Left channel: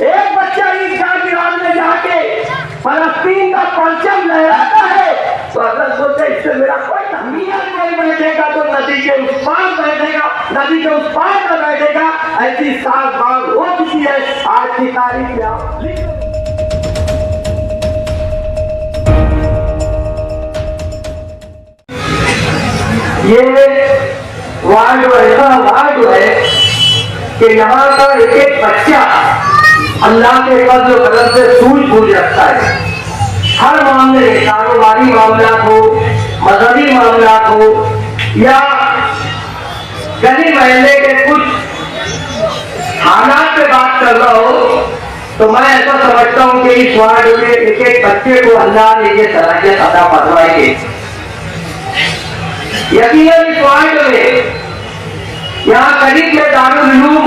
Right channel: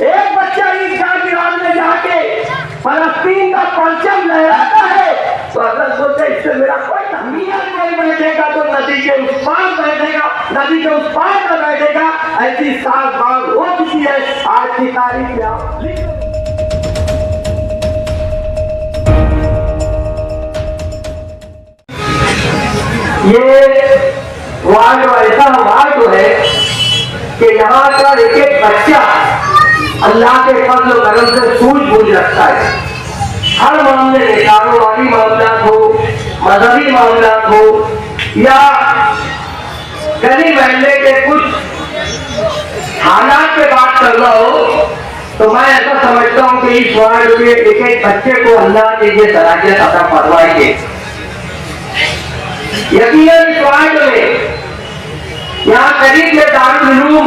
एक बच्चा ईदगाह ग्राउंड में जाके फलस्तीन का परचम लहराता है तो अगर सोचे इससे मेरा कोई अहमियत नहीं बैठेगा तो नदी के उस पार बैठेगा, नदी के उस पार का बैठेगा। ऐसी सात बार हो चुकी है आज की तारीख में। आप ये वार्ड ऐसा वार्ड है कि यहाँ का एक एक बच्चा अल्लाह के फज़्ल व करम से सूझबूझ रखता है। हर मामले में, कारोबारी मामला हो, मजहबी मामला हो या गली महल्ले के कुछ हालात पे बात करना हो, तो मैं ऐसा समझता हूँ कि इस वार्ड में एक एक बच्चे को अल्लाह ने ये सलाहियत अता फरमाएंगे। यकीनन इस वार्ड में यहाँ करीब में दारुल उलूम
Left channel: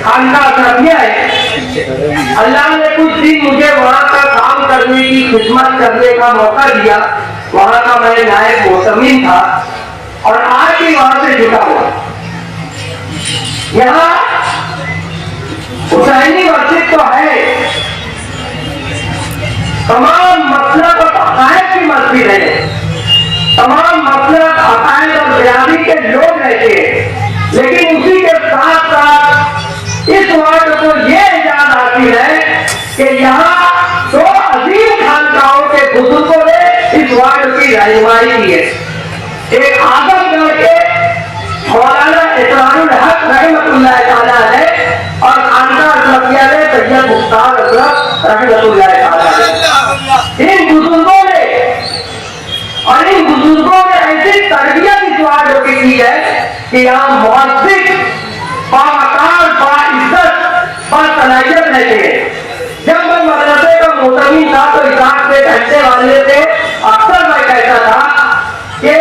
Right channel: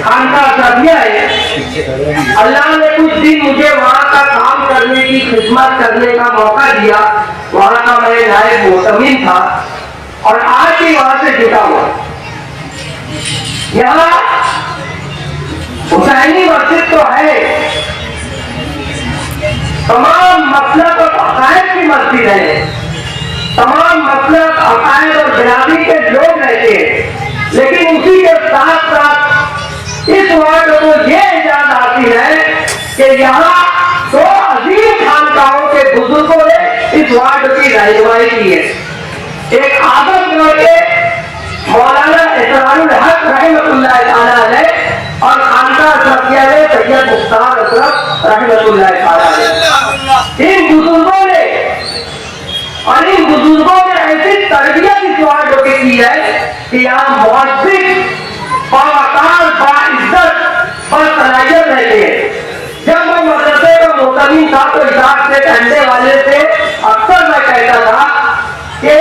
खानका सरबिया है। अल्लाह ने कुछ दिन मुझे वहाँ का काम करने की, खिदमत करने का मौका दिया। वहाँ का मैं नायब मोहतमिन था और आज भी वहाँ से जुटा हुआ। यहाँ हुसैनी मस्जिद तो है, तमाम मसलक और अकायद की मस्जिद है, तमाम मसलक, अकायद और बिरादरी के लोग रहते हैं, लेकिन उसी के साथ साथ इस वार्ड को यह इजाजत हासिल है कि यहाँ दो अजीम खानकाहों के बुजुर्गों ने इस वार्ड की रहनुमाई की है। एक आजमगढ़ के मौलाना इसरारुल हक रहमतुल्लाह ताला अलैह और खानका सरबिया में सैयद मुख्तार अशरफ रहमतुल्लाह ताला अलैह। इन बुजुर्गों ने ऐसी तरबियत इस वार्ड की की है कि यहाँ मुअज्जिन बावकार, बाइज्जत, बासलाहियत रहते हैं। जब मैं मदरसे का मोहतमिन था तो हिसाब से घंटे वाले से अक्सर मैं कहता था कि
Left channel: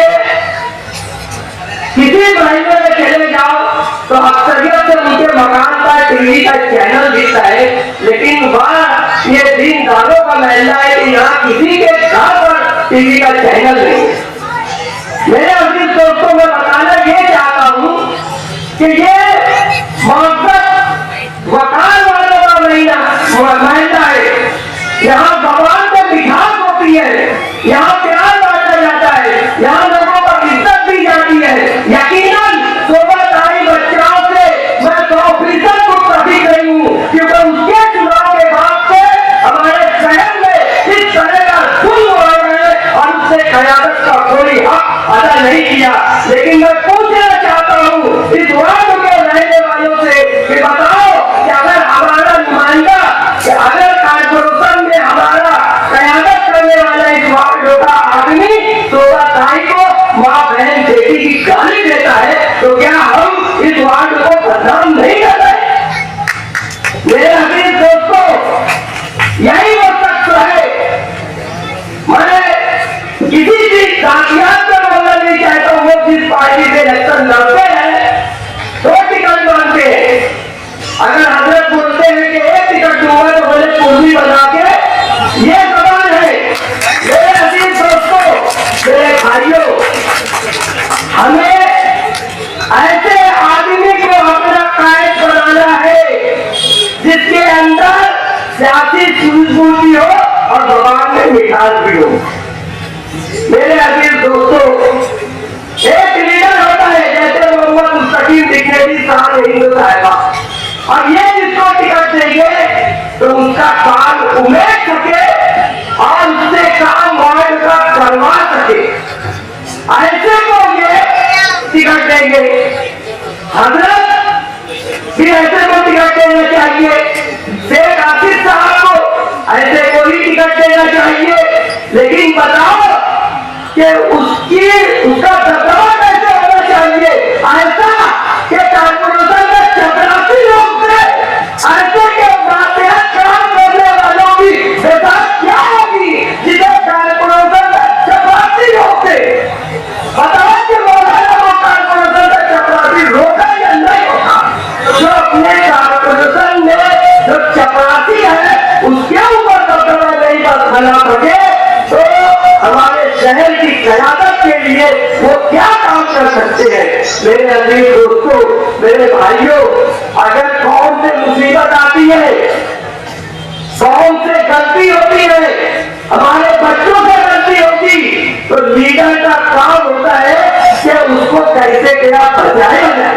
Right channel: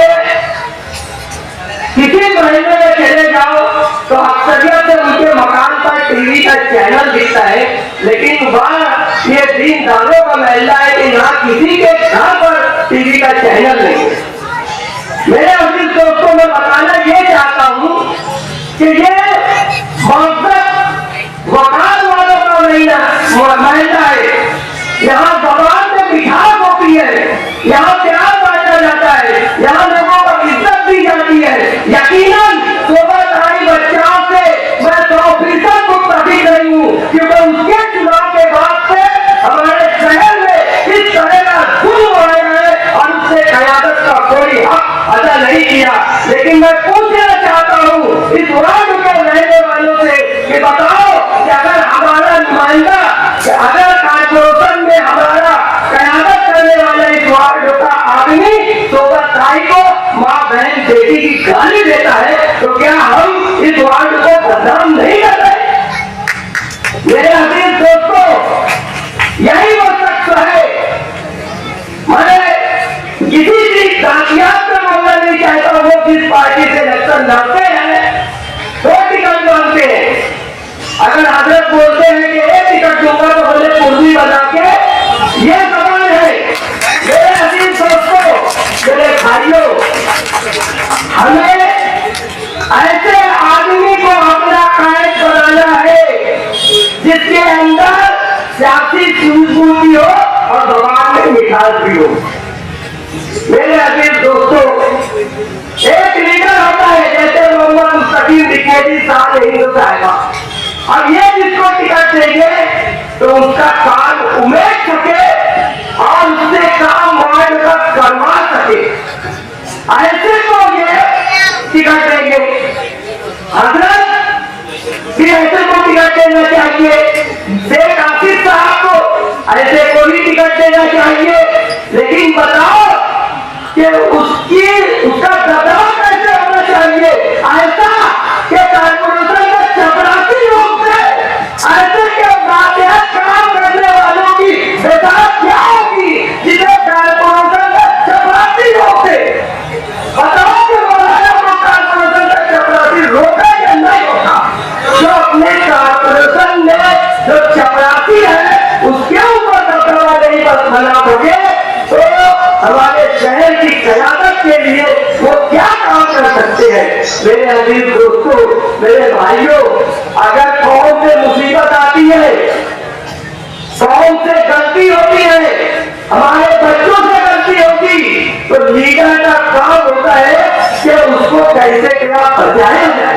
किसी महीने में चले जाओ तो अक्सरियत से उनके मकान पर टीवी का चैनल दिखता है, लेकिन वह ये दीनदारों का महल्ला है कि यहाँ किसी के घर पर टीवी का चैनल नहीं है। मेरे अजीज दोस्तों, मैं बताना ये चाहता हूँ कि ये मौसम वकार वालों का महल्ला है। यहाँ जबान पे मिठास होती है, यहाँ प्यार बांटा जाता है, यहाँ लोगों को इज्जत दी जाती है। यकीनन सोबतदारी बच्चाओं से मैं 100% मुत्तफिक नहीं हूँ, क्योंकि उसके चुनाव के बाद से हमारे शहर में इस तरह का जुल्म हो रहा है और उससे क़यादत का कोई हक अदा नहीं किया। लेकिन मैं पूछना चाहता हूँ इस वार्ड में रहने वालों से कि बताओ कि अगर हमारा नुमाइंदा, कि अगर कॉर्पोरेशन में हमारा क़यादत करने वाला इस वार्ड का आदमी 16 तारीख को माँ बहन बेटी की गाली देता है, तो क्या हम इस वार्ड को बदनाम नहीं कर रहे? मेरे अजीज दोस्तों, यही वो शख्स है। मैं किसी चीज जातियात का बोलना नहीं चाहता, वो जिस पार्टी से इलेक्शन लड़ते हैं 2 टिकट मांगते हैं। अगर हजरत बोलते हैं कि 1 टिकट दूंगा तो बोले कुर्सी बना के, ये जबान है। मेरे अजीज दोस्तों, मेरे भाइयों, हमें ऐसे आदमी को अपना कायद बनाना है जिसके अंदर सियासी सूझबूझ भी हो और जबान में मिठास भी हो। मेरे अजीज दोस्तों, एक लीडर होता है जैसे मोहम्मद मुस्तकीम दिग्नेजी साहब हिंदू साहिबा, और ये जिसको टिकट देंगे तो उसका काम उमेद सके और उससे काम वार्ड का करवा सके, ऐसे को ये टिकट देंगे। हजरत भी ऐसे को टिकट देना चाहिए, शेख आसिफ साहब को ऐसे को ही टिकट देना चाहिए। लेकिन बताओ कि उसका दबदबा कैसे होना चाहिए? ऐसा कि कॉर्पोरेशन में 84 लोग थे, ऐसे के मातहत काम करने वालों की बेदात क्या होगी जिसे कॉर्पोरेशन में 84 लोग थे? बताओ कि मौलाना को कॉर्पोरेशन में 84 रोका या नहीं रोका? जो अपने कॉर्पोरेशन में जो 84 है उसके ऊपर दबदबा नहीं बना सके तो हमारे शहर की क़यादत के लिए वो क्या काम कर सकते हैं? मेरे अजीज दोस्तों, मेरे भाइयों, अगर कौम से मुसीबत आती है लीडर का काम होता है कि उसको कैसे क्या बचाया जाए।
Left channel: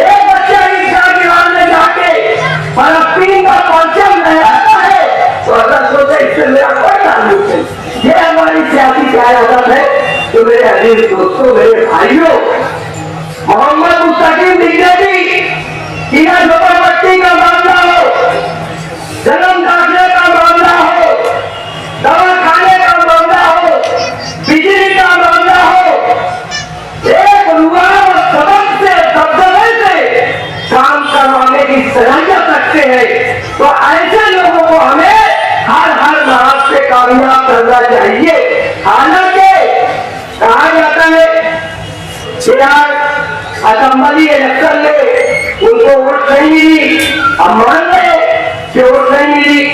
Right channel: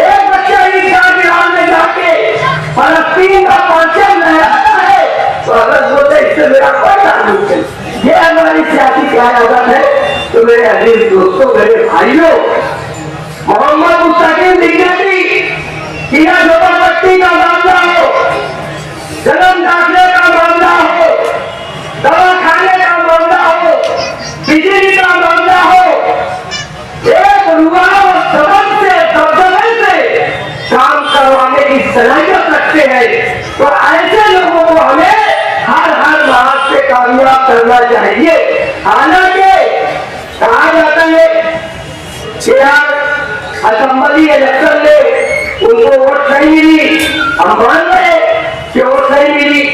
एक बच्चा ईसा गिरान में जाके फलस्तीन का परचम लहराता है तो अगर सोचे इससे मेरा कोई ताल्लुक नहीं। ये हमारी सियासी क्यादत है। तो मेरे अजीज दोस्तों, मेरे भाइयों, मोहम्मद मुस्तकीम लिखने भी किला झोपड़पट्टी का मामला हो, जन्म दाखिले का मामला हो, दवा खाने का मामला हो, बिजली का मामला हो, एक रुआ और सबक से दबदबे से काम करवाने की सलाहियत रखते हैं। तो ऐसे लोगों को हमें हर मार्ग से कामयाब करना चाहिए। हालांकि कहा जाता है कि यार असेंबली इलेक्शन में उनको वोट नहीं मिली, हम मान रहे कि वोट नहीं मिली।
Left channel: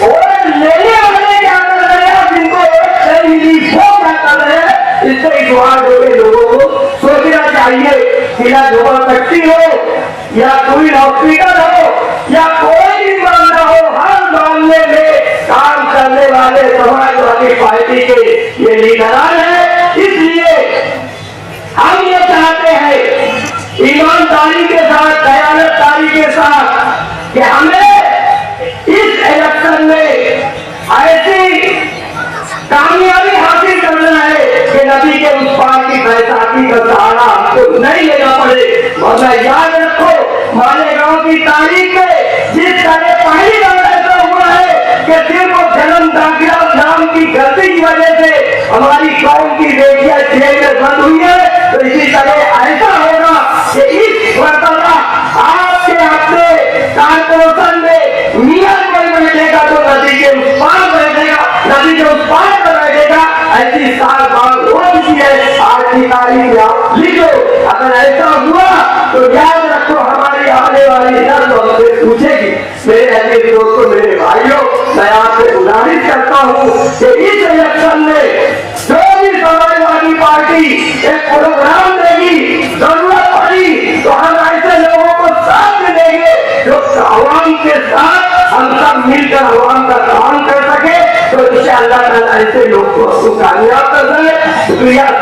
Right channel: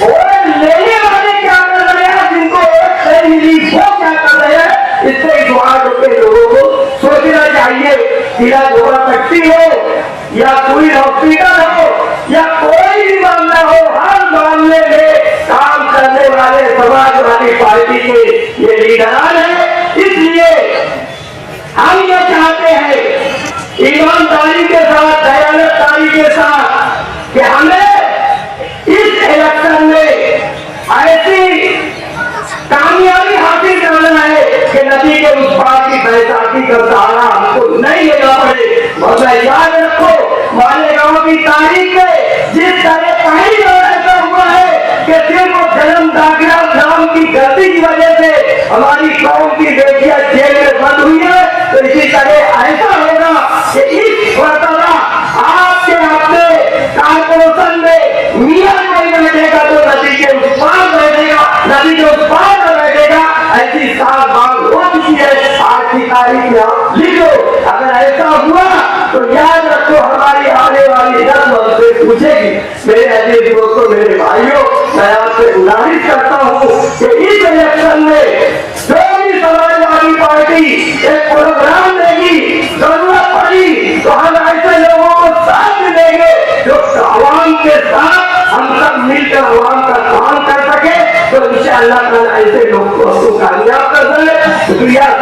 वोट लेने वाले क्या कर रहे हैं और जिनको वोट नहीं मिली वो क्या कर रहे हैं, इससे इस वार्ड के लोगों को सोचना चाहिए। किला झोपड़पट्टी हो या कोई हॉस्पिटल हो या कोई भी मामला हो, हर मामले में काम करने वाले समाजवादी पार्टी के ये लीडरान है। इसलिए हम ये चाहते हैं ईमानदारी के साथ, दयानतदारी के साथ कि हमें इस इलेक्शन में ऐसी कामयाबी हासिल करना है कि नदी के उस पार की बैसाखी का सहारा हमको नहीं लेना पड़े। मगर याद रखो, मालेगांव की तारीख में जिस तरह पहली बार ऐसा हुआ है कि सिर्फ जन्म दाखिला नाम की गलती की वजह से हमारी कौम की बेटियां जेल में बंद हुई है, तो इसी तरह ऐसा होगा कि इस मरतबा आपके अपने कारपोरेशन में मियां कोई बैठेगा तो नदी के उस पार बैठेगा, नदी के उस पार पर बैठेगा। ऐसी साल बात हो चुकी है, आज की तारीख में आप लिखो। अगर ऐसा हुआ तो याद रखो हमारी आने वाली नस्ल हमसे पूछेगी। मेरे अजीज दोस्तों, मेरे भाइयों, मैं आपसे गुजारिश करता हूँ कि इस इलेक्शन में जो भी समाजवादी पार्टी एक प्रोग्राम देगी, जरूरत पड़ी तो हम ऐसे लोगों को साथ में देंगे जो आवाम के साथ हम सब मिलकर आवाम का काम कर सके। तो इंशाअल्लाह ताला ऐसे लोग को कामयाब कर दें। शुक्रिया।